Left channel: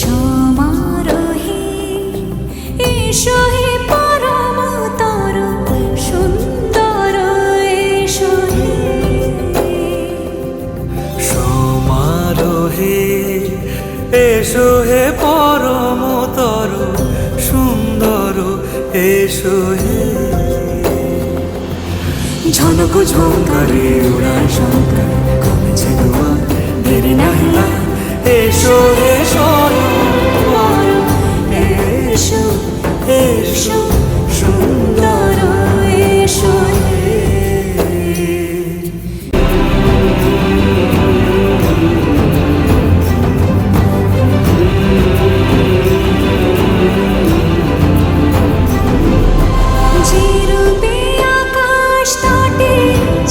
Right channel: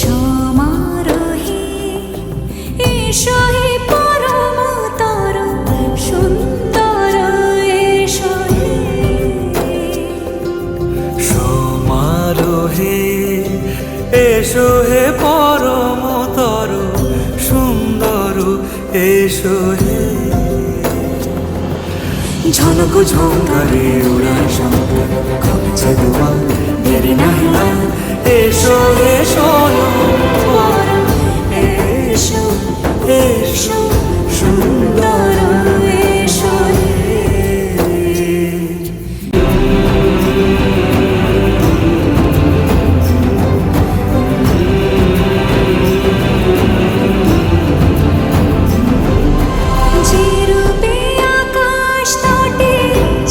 সমারোহে এসো হে পরমতর সুন্দর এসো হে। সমারোহে এসো হে পরমতর সুন্দর এসো হে। ঝনক ঝঙ্কারে উড়ায় শঙ্কর কমেছে দুয়ার দেরি নাহি আর। এসো হে স্বয়ংবর এসো এসো সুন্দর এসো হে। যে রূপে আকাশ তটে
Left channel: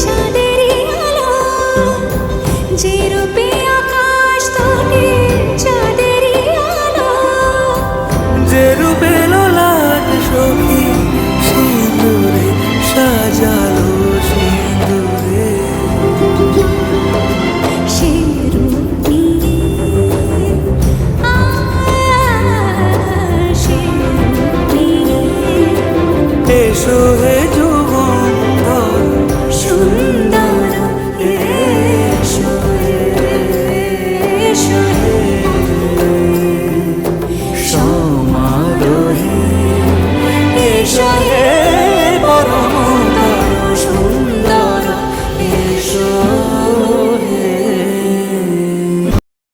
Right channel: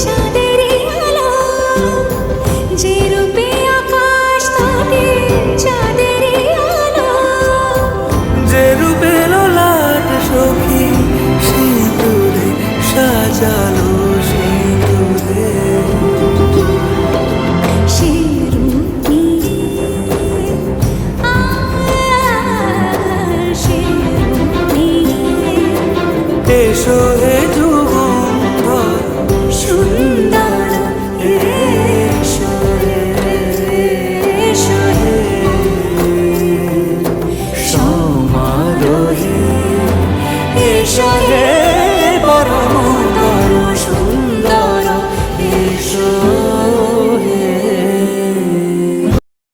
চাঁদেরই আলো, যে রূপে আকাশ তটে চাঁদেরই আলো, যে রূপে ললাট সখী সিঁদুরে সাজালো সিঁদুরে। সে রূপ নিয়ে সে রূপ নিয়ে এসো হে যুগন্ধর সুন্দর এসো এসো হে। সমারোহে এসো হে পরমতর সুন্দর এসো।